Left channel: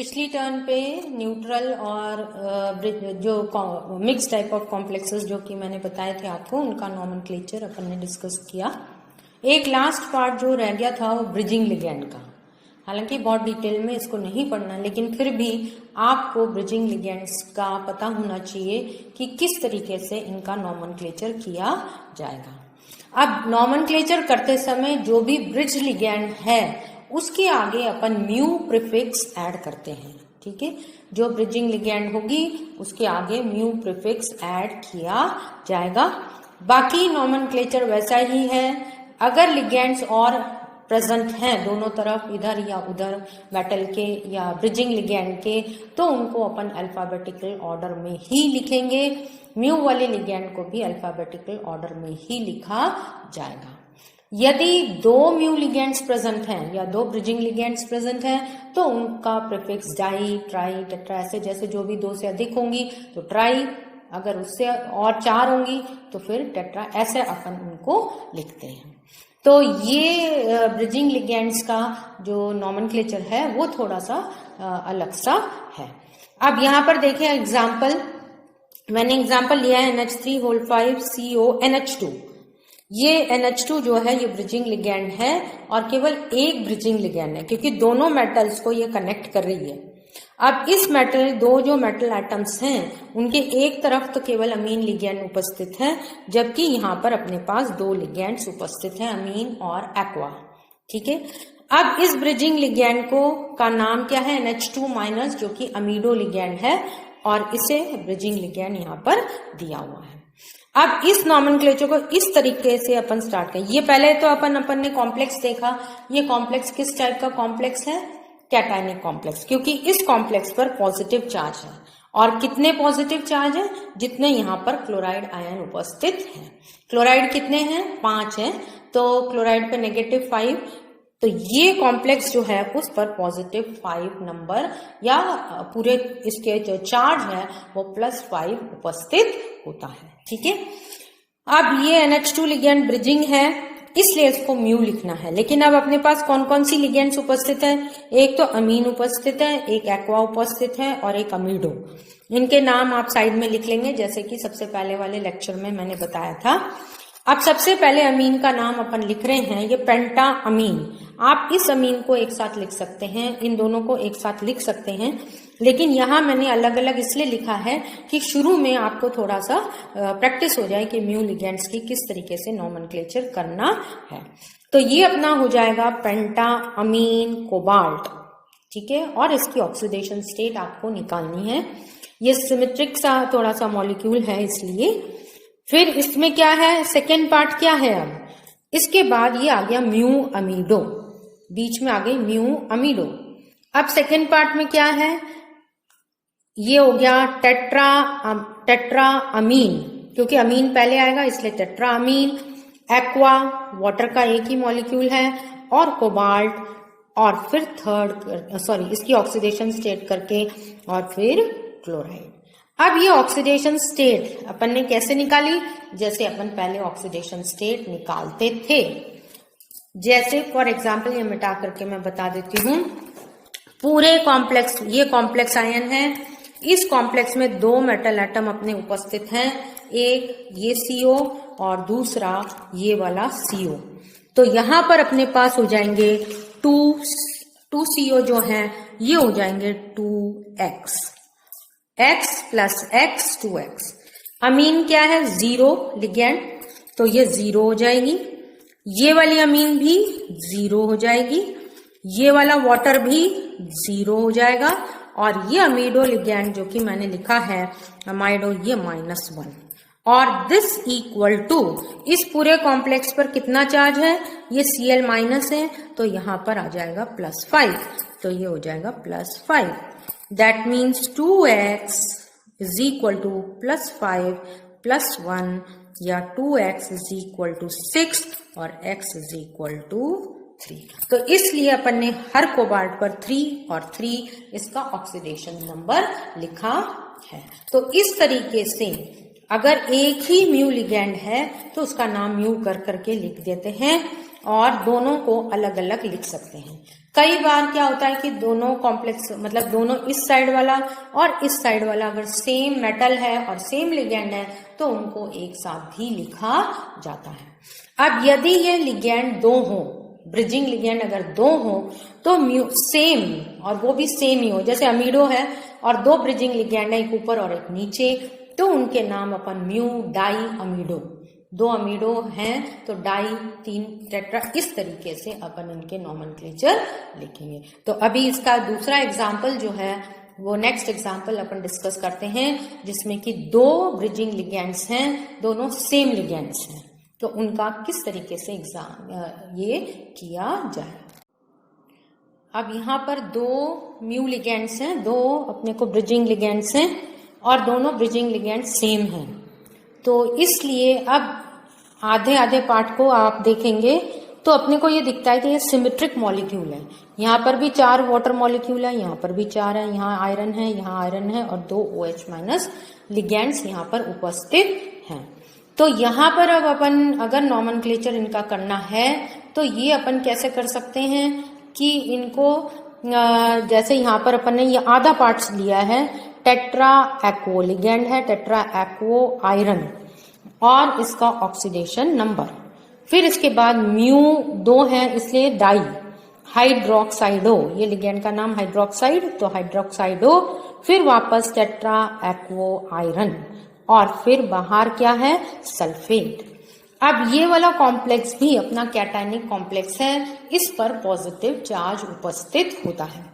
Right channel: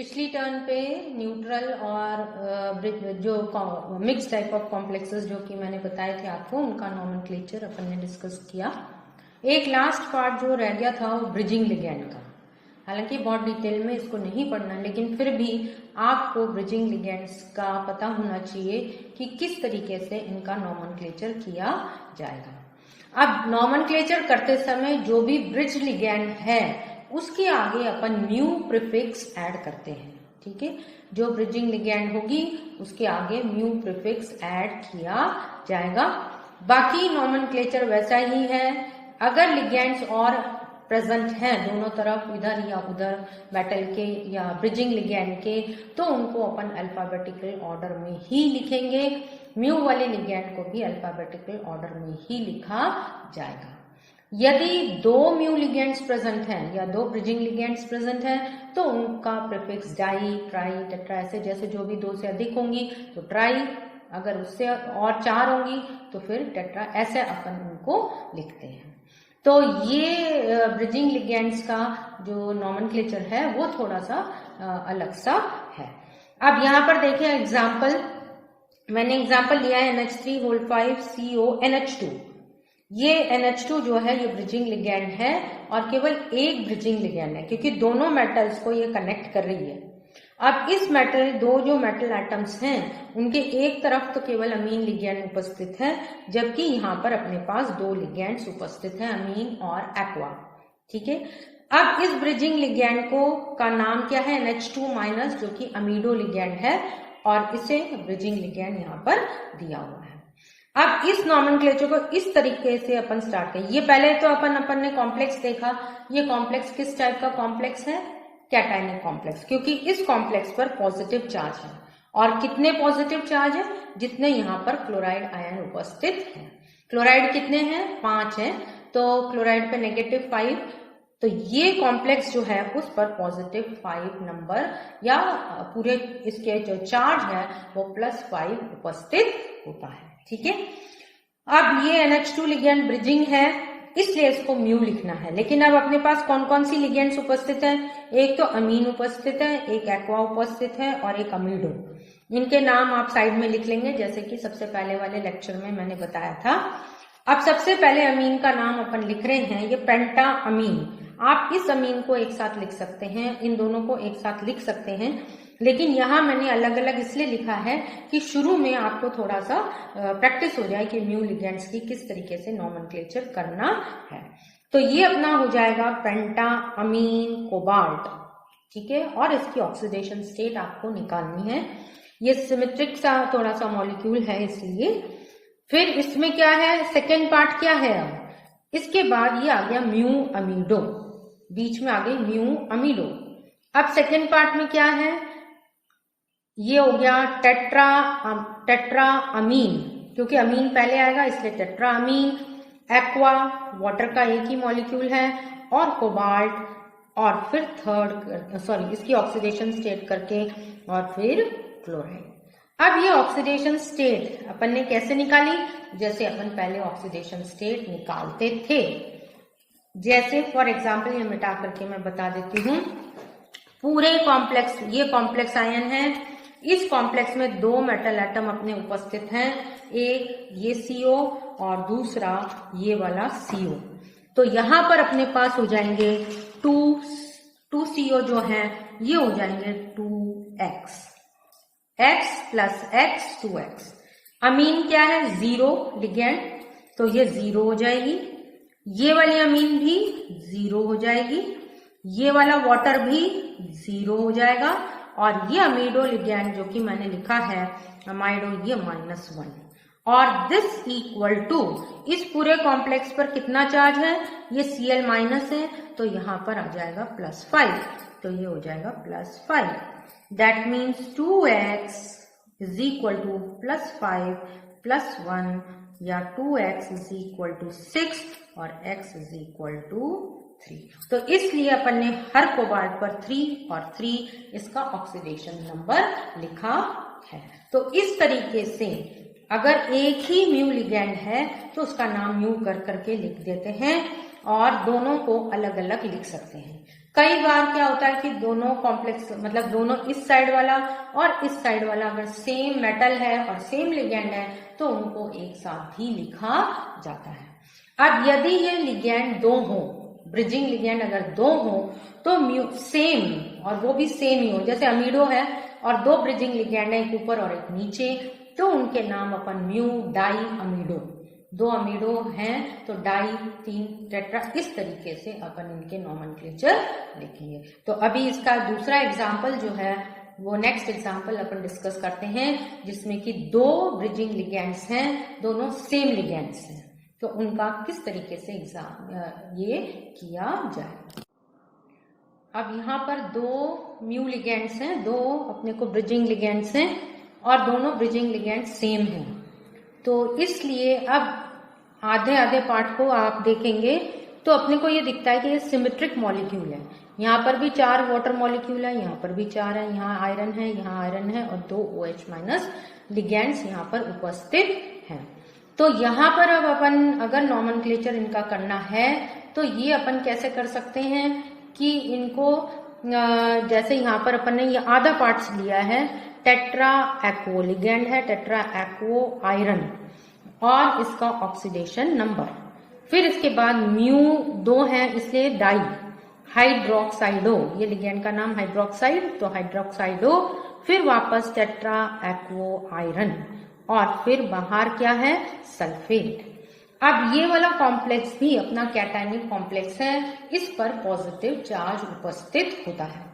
पिछली टर्न पे न्यूट्रल और जो मिक्स टाइप ऑफ कॉम्प्लेक्सेस जो कि मैंने बताए थे आपको, उनका नॉमेनक्लेचर अपन ने डिस्कस किया। एक लास्ट पार्ट जो रह गया था वो ब्रिजिंग लिगैंड का। हालांकि बहुत डिटेल में इसको नहीं पढ़ना, लेकिन फिर भी आपको ब्रिजिंग लिगैंड्स का पता होना चाहिए कि किस तरीके से इनका नॉमेनक्लेचर किया जाएगा। अब नॉमेनक्लेचर करते समय जो भी ब्रिज लिगैंड है उसके आगे अपन म्यू प्रीफिक्स ऐड करते हैं। ठीक है, जो ब्रिजिंग लिगैंड होगी उसके आगे म्यू प्रीफिक्स ऐड किया जाएगा। बाकी नॉमेनक्लेचर वैसा ही है। अगर लिगैंड्स और प्रेजेंट हैं दोनों तरफ, इधर या उधर मेटल के या ब्रिजिंग लिगैंड के, तो उनको अपन अल्फाबेटिकल ऑर्डर में ही लिखेंगे। म्यू वाले लिगैंड को भी अल्फाबेटिकल ऑर्डर में ही लिखा जाएगा। यदि दो म्यू लिगैंड्स प्रेजेंट हैं या दो ब्रिजिंग लिगैंड्स प्रेजेंट हैं तो उनका प्रीफिक्स डाई, ट्राई, टेट्रा, ऐसे जैसे जो भी दो से अधिक होंगी तो ट्राई, अगर उससे और चार होंगी तो फिर टेट्रा, ऐसे अपन उनको लिखते हैं। तो ये ब्रिजिंग लिगैंड्स का जो नॉमेनक्लेचर है वो थोड़ा सा अलग सा है। अब यहाँ पर देखें एग्जाम्पल, मैंने एग्जाम्पल लिया है NH3O5CONH2। ये NH2 जो है ये ब्रिजिंग लिगैंड है और केवल एक ब्रिजिंग लिगैंड है क्योंकि दोनों मेटल्स को ये कनेक्ट कर रही है। अब इस मेटल, दो जो मेटल एटम्स हैं उनके एक तरफ तो केवल अमीन लिगैंड उपस्थित है, जबकि यहाँ पर अपने पास दो लिगैंड्स उपस्थित हैं, अमीन और एक्वा। ठीक है, अब इस ब्रिजिंग लिगैंड को का नाम क्या है? NH2- जो कि अमीडो लिगैंड है और इसे ब्रिजिंग लिगैंड यहाँ पर दिया हुआ है। अब इस नॉमेनक्लेचर को इस तरीके से अपन स्टार्ट करें। ये पहले तो अपन ने कॉम्प्लेक्स देखा। ये कॉम्प्लेक्स किस टाइप का कॉम्प्लेक्स है? कैटायनिक कॉम्प्लेक्स, क्योंकि इस कॉम्प्लेक्स पर पॉजिटिव चार्ज है। और कितने पॉजिटिव चार्ज है? जितने यहाँ पर क्लोराइड आयन उपस्थित है। क्लोराइड कितने हैं? 5 हैं, तो क्लोराइड पे -5, तो ये कॉम्प्लेक्स जो है उस पर +5 नंबर या पूरे इसके जो चार्ज है वो +5 उपस्थित होता है। ठीक है, अब ये NH2 लिगैंड ब्रिजिंग है इसलिए इसको म्यू लिखना है। लेकिन अब अपने पास कौन कौन सी लिगैंड्स उपस्थित है? एक तो अमीन उपस्थित है, एक एक्वा उपस्थित है और एक अमीडो। इनके नाम आप साइड में लिख लेंगे जैसे कि सबसे पहले वाले लेक्चर में मैंने बताया था। अब सबसे पहले अमीन का नाम अपन लिख रहे हैं, ये पेंटा अमीन। आप इस अमीन को एक साथ लिख सकते हैं, इन दोनों को एक साथ लिख सकते हैं, लेकिन यहाँ मैंने अलग अलग इसलिए लिखा है कि शुरू में आपको थोड़ा सा प्रैक्टिस हो जाए कि म्यू लिगैंड्स की किस तरीके से नॉमेनक्लेचर करना है। तो ये अपना हो जाएगा पेंटा अमीन कोबाल्ट। ठीक है, और इसकी ऑक्सीडेशन स्टेट आपको निकालनी है। ये सिमेट्रिक सा थोड़ा सा मॉलिक्यूल है इसलिए। फिर इसमें क्या है? सेकेंड पार्ट क्या है? इसके बाद ये आ गया म्यू अमीडो, बीच में आ गई म्यू अमीडो। अब सेकेंड पार्ट में क्या है? ये हो गया टेट्रा अमीन, क्योंकि अमीन पहले आएगा इसलिए टेट्रा अमीन। एक्वा, वाटर का एक ही मॉलिक्यूल है, और कोबाल्ट, और फिर इसकी ऑक्सीडेशन स्टेट करके और फिर क्लोराइड। अब ये ऑक्सीडेशन स्टेट अपन ने कैसे निकाली? जैसे अपन पहले ऑक्सीडेशन स्टेट निकालते थे। जैसे फॉर एग्जाम्पल ये मिटा करके मैं बता देती हूँ। पूरे कॉम्प्लेक्स, ये कॉम्प्लेक्स आयन है, इस कॉम्प्लेक्स में दो मेटल एटम अपने उपस्थित हैं, एक ये CO और दूसरा ये वाला CO। तो यहां पर अपने पास हो जाएंगे 2 CO जो है ये हो जाएंगे 2x, x + x 2x। अमीन क्या है? 0 लिगैंड, तो ये 0 हो जाएगी। ये वाली अमीन भी 0 हो जाएगी, ये वाला वाटर भी 0 हो जाएगा, और ये अमीडो लिगैंड जो कि मैंने लिखा है अमाइडो, ये -1। और दिस इक्वल टू, इस पूरे कॉम्प्लेक्स पर कितना चार्ज है? ये Cl- है, तो यहां पर आ जाएगा +5, तो ये हो जाएगा +5। दैट मीन्स 2x = +5 + 1, या 2x = 6 और x = 3। तो इसलिए अपन ने हर कोबाल्ट पर 3 और 3 इसका ऑक्सीडेशन नंबर लिखा है। तो इस तरीके से अगर एक ही म्यू लिगैंड है तो उसका नाम म्यू कर करके लिख देते हैं। और दोनों को अलग अलग लिख सकते हैं। कई बार क्या होता है कि दोनों कॉम्प्लेक्स मतलब दोनों इस साइड वाला और इस साइड वाला अगर सेम मेटल है और सेम लिगेंड है तो उनको एक साथ भी लिखा जाता है। अब यदि ये लिगेंड दो हो, ब्रिजिंग लिगेंड अगर दो हो तो म्यू सेम और वो भी सेम ही हो, जैसे अमीडो है और दो ब्रिजिंग लिगेंड है, एक ऊपर और एक नीचे, तो उनके नाम अपन म्यू डाई अमीडो, दो अमीडो हैं तो डाई, तीन टेट्रा, इस तरीके से अपन इनके नॉमेनक्लेचर लिखेंगे। तो अभी इसका दूसरा एग्जाम्पल जो है वो नेक्स्ट एग्जाम्पल अपन डिस्कस करते हैं, जिसमें कि दो ब्रिजिंग लिगेंड्स हैं, दोनों सेम लिगेंड्स हैं, तो उनका किस तरीके से ये किया जाए। अब यहाँ पर दो म्यू लिगेंड्स हैं, दो अपने को ब्रिजिंग लिगेंड्स हैं और दोनों ब्रिजिंग लिगेंड सेम हैं, तो इसलिए अब आधे आधे पार्ट को आप देखेंगे तो अपने को ये दिखता है कि ये सिमेट्रिक मॉलिक्यूल है। यहाँ पर भी 4 वाटर मॉलिक्यूल है, यहाँ पर भी 4 है, यहाँ आयरन है, यहाँ आयरन है और 2 OH- लिगेंड्स यहाँ पर उपस्थित हैं। तो यहाँ पर अब अपन अगर नॉमेनक्लेचर इनका करना है तो ये अपन कैसे कर सकते हैं कि इनको जैसे यहाँ पर अपन ने ये आधा पार्ट्स लिया है, टेट्रा एक्वो लिगेंड है, टेट्रा एक्वो आयरन और इसका ऑक्सीडेशन नंबर, फिर इसके बाद म्यू 2 है इसलिए डाई हाइड्रोक्साइडो, ये लिगेंड का नाम हाइड्रोक्साइड तो हाइड्रोक्साइडो, फिर वापस टेट्रा एक्वो आयरन और फिर बाहर क्या है सल्फेट। अब ये वाला कॉम्प्लेक्स भी अपना कैटायनिक कॉम्प्लेक्स है, इस पर पॉजिटिव चार्ज उपस्थित होता है।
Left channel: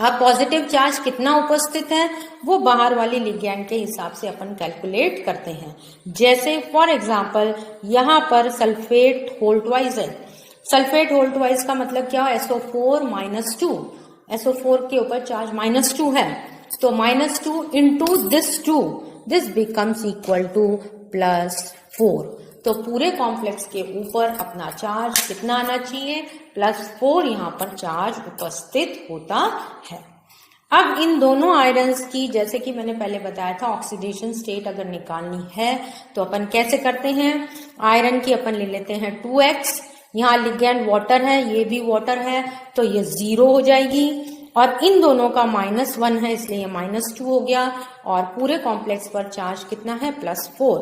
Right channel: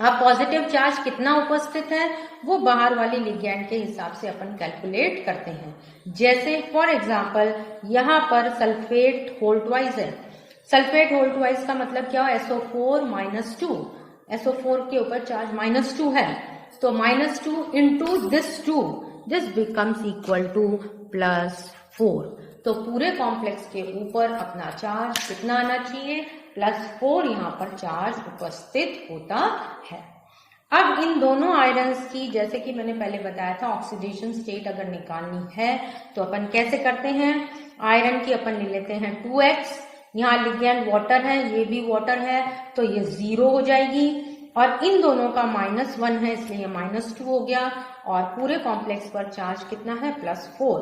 अब पॉजिटिव चार्ज कितना उपस्थित है वो बाहर वाली लिगेंड के हिसाब से अपन कैलकुलेट करते हैं। जैसे फॉर एग्जांपल यहाँ पर सल्फेट होल्टवाइज है, सल्फेट होल्टवाइज का मतलब क्या है, SO4-2, SO4 के ऊपर चार्ज -2 है, तो -2 into this 2, this becomes equal to +4, तो पूरे कॉम्प्लेक्स के ऊपर अपना चार्ज कितना आना चाहिए, +4 यहाँ पर चार्ज उपस्थित होता है। अब इन दोनों आयरन्स की, जैसे कि मैंने पहले बताया था, ऑक्सीडेशन स्टेट अगर निकालनी है तो अपन कैसे करते हैं, आयरन की अपन ले लेते हैं 2x, यहाँ लिगेंड वाटर है, ये भी वाटर है, तो ये 0 हो जाएगी और इन दोनों का -1 है इसलिए ये -2 हो गया और पूरे कॉम्प्लेक्स पर चार्ज कितना है, +4,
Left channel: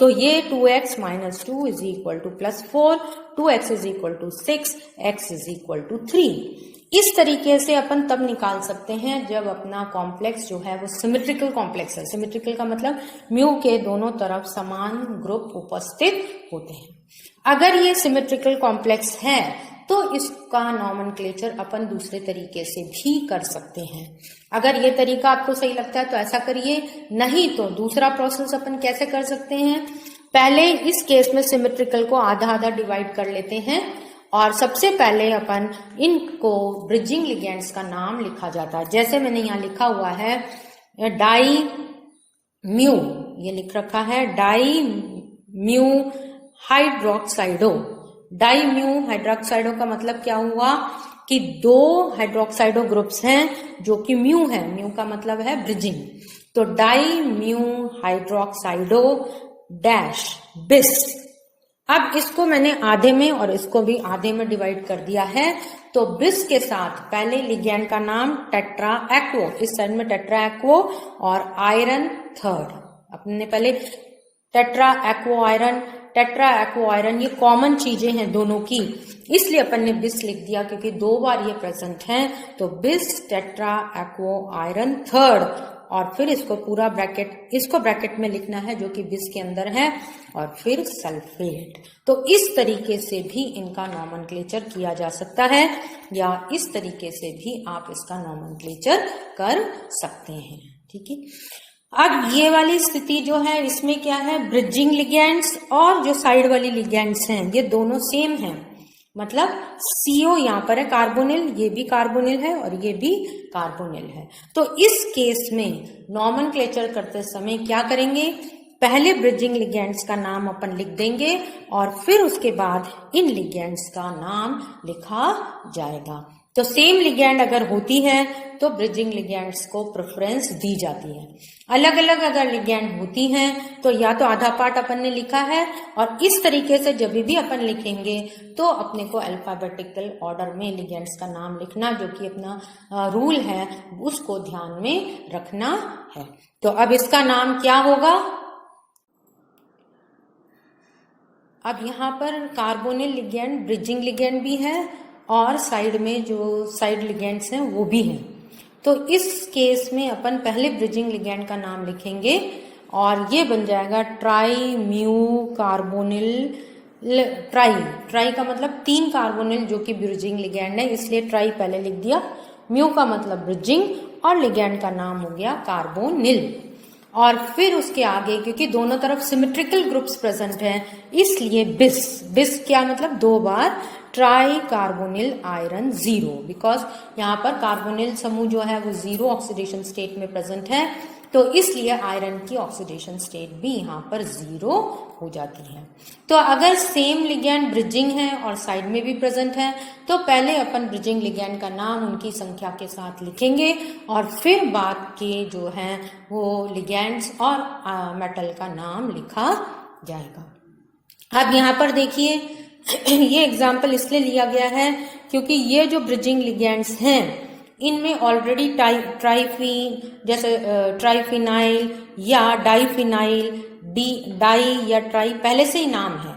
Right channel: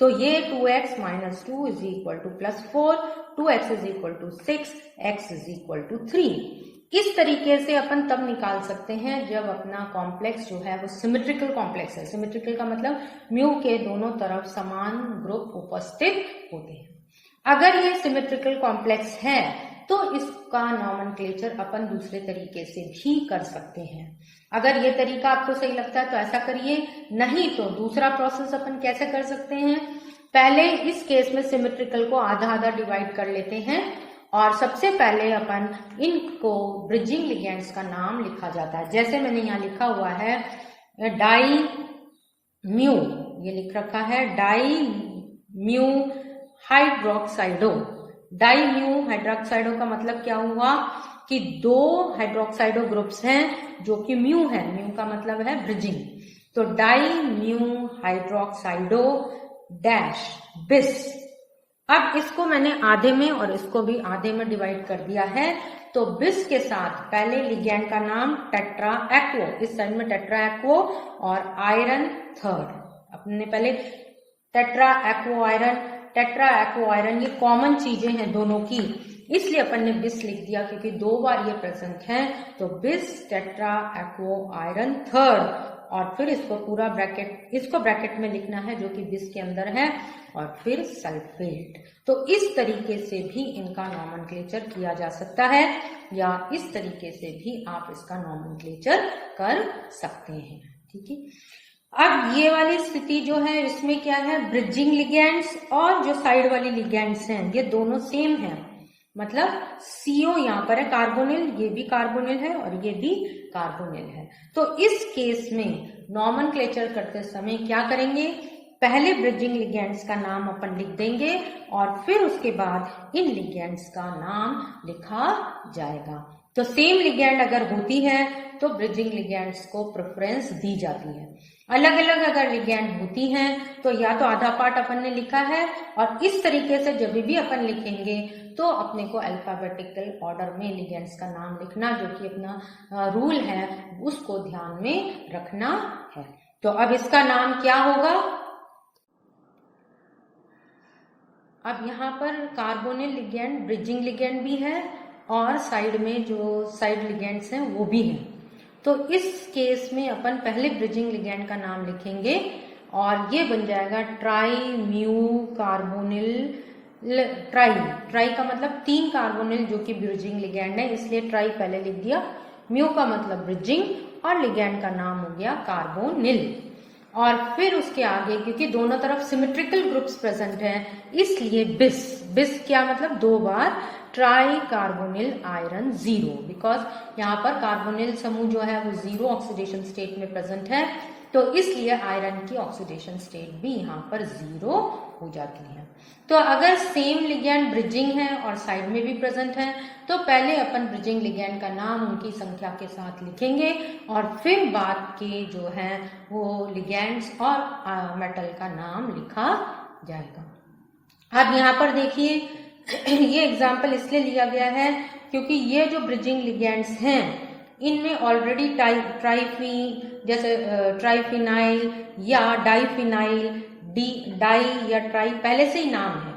तो ये 2x - 2 is equal to +4, 2x is equal to 6, x is equal to 3। इस तरीके से अपन तब निकाल सकते हैं जब अपना कॉम्प्लेक्स जो है वो सिमेट्रिकल कॉम्प्लेक्स है। सिमेट्रिकल का मतलब म्यू के दोनों तरफ समान ग्रुप उपस्थित होते हैं। अगर ये सिमेट्रिकल कॉम्प्लेक्स है तो इसका नॉमेनक्लेचर अपन दूसरे तरीके से भी कर सकते हैं। अगर ये तरीका आपको सही लगता है तो ऐसा करिए, नहीं तो दूसरा प्रोसेस अपन कैसे कर सकते हैं, पहले इस केस में सिमेट्रिकल को आधा आधा डिवाइड कर लेते हैं और सबसे पहले अपन इनको ब्रिजिंग लिगेंड्स का नाम लिखा जाता है। जैसे मैंने यहाँ लिखा हुआ है डाई म्यू, ये लिख रखा है डाई म्यू हाइड्रोक्साइडो। डाई म्यू हाइड्रोक्साइडो का मतलब क्या हुआ कि 2 हाइड्रोक्साइडो ग्रुप्स हैं जो कि म्यू है, म्यू का मतलब है ब्रिजिंग, तो डाई म्यू हाइड्रोक्साइडो डैश बिस। अब इसको मैंने आधे में और इसको भी आधे में डिवाइड कर दिया है, तो बिस के साथ पहले लिगेंड का नाम टेट्रा एक्वो, इस साइड में टेट्रा एक्वो और आयरन थर्ड, अपने पहले टेट्रा एक्वो आयरन, टेट्रा एक्वो आयरन ये कॉमन चीजें हैं दोनों की, इसलिए अपन ने बिस लिख दिया क्योंकि 2 बार ये प्रेजेंट है, तो बिस टेट्रा एक्वो आयरन थर्ड और फिर इसको पूरा ब्रैकेट, इसको ब्रैकेट में लिखना है जो कि बिस के अंदर है और फिर सल्फेट। तो इस तरीके से भी इनका नॉमेनक्लेचर किया जा सकता है या इस तरीके से भी आप इसका नॉमेनक्लेचर कर सकते हैं। ठीक है, अब ये वाली स्थिति जो है इसमें क्या है, ब्रिजिंग लिगेंड्स और जो साइड वाली लिगेंड्स हैं ये दोनों सेम हैं, मतलब CO यहाँ पर है कार्बोनिल, ये भी कार्बोनिल है और ये भी कार्बोनिल है। तो इस केस में नॉमेनक्लेचर करते समय क्या करेंगे, पहले ब्रिजिंग लिगेंड्स का नाम अपन लिख देंगे और फिर उसके बाद इन लिगेंड्स का नाम लिखा जाएगा। तो सेम लिगैंड अगर होती है तो ब्रिजिंग लिगैंड्स को प्रेफरेंस दी जाती है। अलग अलग अगर लिगैंड होती हैं तो या तो आधा पार्ट अपन ने लिखा है, और इस तरीके से जब भी अपन लिखेंगे तो अपने को अल्फाबेटिकल ऑर्डर में लिगैंड्स का नाम लिखना, जो कि अपना रूल है, उसको ध्यान में रखना है। तो अब इसका नाम क्या होगा? अब यहाँ पर कार्बोनिल लिगैंड ब्रिजिंग लिगैंड भी है और साइड में जो साइड लिगैंड्स हैं वो भी हैं। तो इस केस में अपन पहले ब्रिजिंग लिगैंड का नाम लिखेंगे और ये बन जाएगा try mu carbonyl try. Try का मतलब 3 कार्बोनिल जो कि ब्रिजिंग लिगैंड है, इसलिए ट्राई पहले लिख दिया। म्यू का मतलब ब्रिजिंग और लिगैंड का नाम हो गया कार्बोनिल। और फिर उसके आगे क्योंकि दोनों तरफ सिमेट्रिकल ग्रुप्स प्रेजेंट हैं, इसलिए बिस। बिस क्या मतलब? 2 बार ट्राई कार्बोनिल आयरन 0, बिकॉज यहाँ पर कार्बोनिल समूह जो है वो 0 ऑक्सीडेशन स्टेट में प्रेजेंट है, तो इसलिए आयरन की ऑक्सीडेशन स्टेट भी यहाँ पर 0 हो जाती है। तो अगर सेम लिगैंड ब्रिजिंग है और साइड में भी प्रेजेंट है तो पहले अपन ब्रिजिंग लिगैंड का नाम उनकी संख्या के साथ लिखेंगे और फिर बाद के जो है वो लिगैंड्स और मेटल का नाम लिखा जाएगा। अब यहाँ पर देखिए ये एग्जाम्पल इसलिए लिया गया है क्योंकि ये जो ब्रिजिंग लिगैंड्स हैं इनमें ऑलरेडी जैसे ट्राइफिनाइल या डाइफिनाइल, डाई या ट्राई पहले से ही नाम है।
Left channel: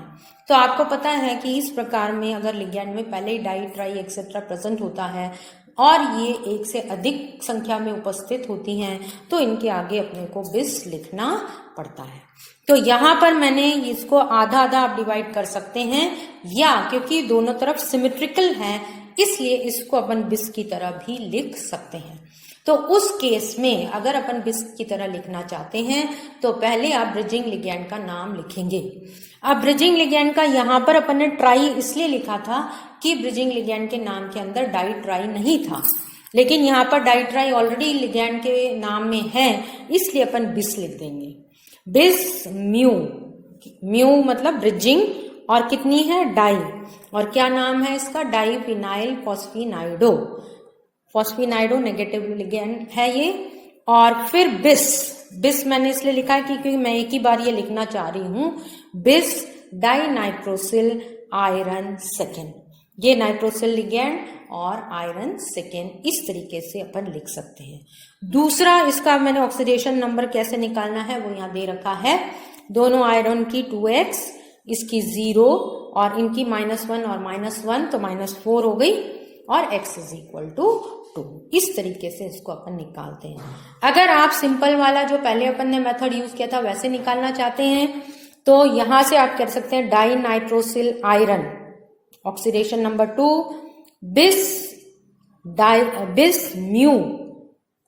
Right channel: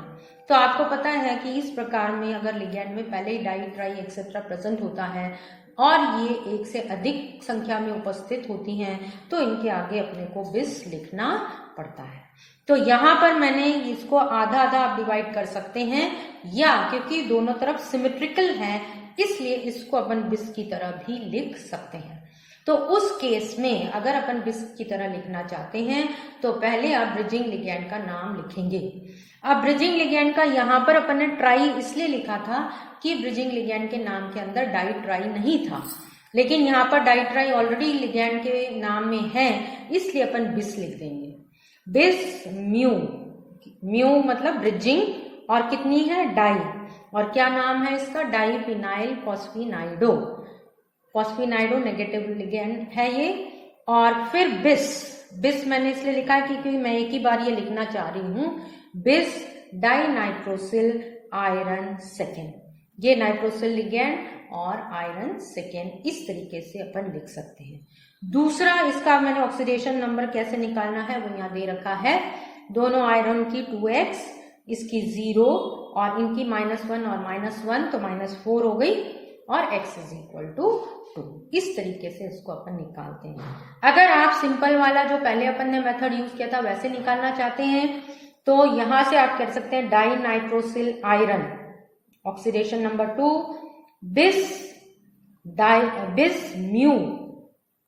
तो आपको पता है कि इस प्रकार में अगर लिगैंड में पहले ही डाई, ट्राई एक्सेट्रा प्रेजेंट होता है और ये एक से अधिक संख्या में उपस्थित होती हैं तो इनके आगे अपने को बिस लिखना पड़ता है। तो यहाँ पर मैंने इसको आधा आधा आप डिवाइड कर सकते हैं, या क्योंकि दोनों तरफ सिमेट्रिकल है इसलिए इसको अपन बिस की तरह भी लिख सकते हैं। तो उस केस में अगर अपन बिस की तरह लिखना चाहते हैं तो पहले आप ब्रिजिंग लिगैंड का नाम लिखेंगे। अब ब्रिजिंग लिगैंड का यहाँ पर अपन ने ट्राई इसलिए लिखा था कि ब्रिजिंग लिगैंड के नाम के अंदर डाई ट्राई नहीं था, लेकिन यहाँ पर डाई ट्राई ऑलरेडी लिगैंड के नाम में है इसलिए अपन बिस लिख देंगे। बिस म्यू, म्यू मतलब ब्रिजिंग और कितनी है? डाई, और क्या नाम है इसका? डाइफिनाइल फॉस्फिनाइडो। फॉस्फिनाइडो नेगेटिव लिगैंड है ये। और फिर बिस, बिस मैंने इसलिए लिखा है क्योंकि मैं एक ही बार ये लिखना चाह रही हूं। बिस डाइनाइट्रोसिल आयरन सेकेंड, ये नाइट्रोसिल लिगैंड और आयरन सेकेंड, इस तरीके से अपन लिख सकते हैं। दूसरा इसका मैंने ऑक्सीडेशन नंबर कैसे निकालना है वो यहाँ दे रखा है। दोनों आयरन की 2x, इसकी 0 और इनकी -1 और -1 तो -4 हो गई और x इज इक्वल टू 2। इस तरीके से इसको अपन निकालते हैं। अगर आप सिंपल वाला जो पहले अपन ने मेथड यूज किया था वैसे निकालना चाहते हैं तो यहां से आप कर सकते हैं dinitrosyl iron, oxidation number 2, bis mu,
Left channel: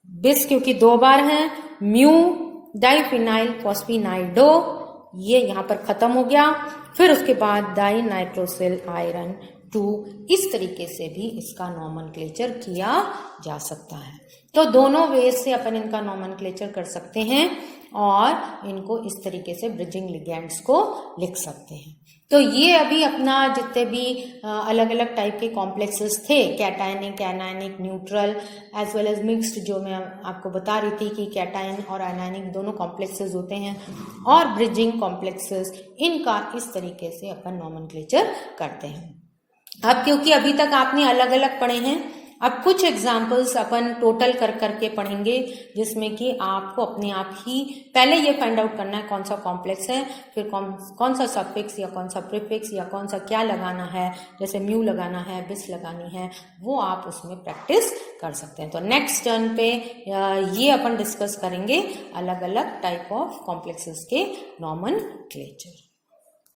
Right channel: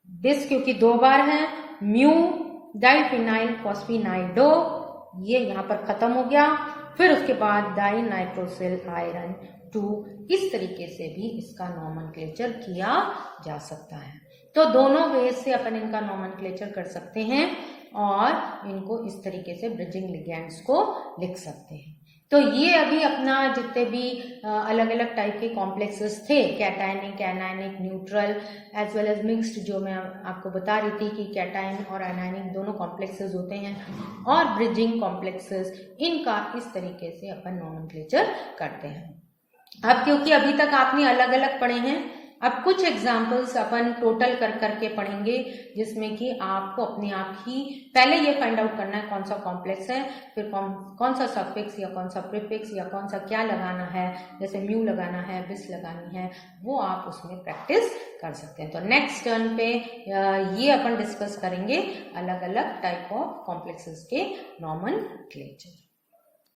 बिस क्योंकि 2 बार है, म्यू डाइफिनाइल फॉस्फिनाइडो, ये यहां पर खत्म हो गया। फिर उसके बाद डाई नाइट्रोसिल आयरन 2, इस तरीके से भी इसका नॉमेनक्लेचर किया जा सकता है। तो दोनों वेज से अपन इनका नॉमेनक्लेचर कर सकते हैं और इनको इस तरीके से ब्रिजिंग लिगैंड्स को लिख सकते हैं। तो ये अभी अपना जितने भी अलग अलग टाइप के कॉम्प्लेक्सेस थे, cationic, anionic, neutral as well as mixed, जो मैं आपको बता रही थी कि कैटायन और एनायनिक दोनों कॉम्प्लेक्सेस होते हैं, और ब्रिजिंग कॉम्प्लेक्सेस, इनका इस तरीके से अपन नॉमेनक्लेचर करते हैं। अब क्योंकि अभी तक आपने अलग अलग पढ़े हैं, अब कुछ एग्जाम्पल्स अपन टोटल कर करके पढ़ेंगे जिसमें कि आपको अपने आप ही पहले ये फाइंड आउट करना है कौन सा कॉम्प्लेक्स है, फिर कौन सा सफिक्स या कौन सा प्रीफिक्स या कौन सा क्या लगाना है, जैसे म्यू लगाना है, बिस लगानी है, वो आप उसमें प्रैक्टिस कर सकते हैं। तो नेक्स्ट टर्न पे ये अपन डिस्कस करेंगे अलग अलग टाइप ऑफ कॉम्प्लेक्सेस के नॉमेनक्लेचर।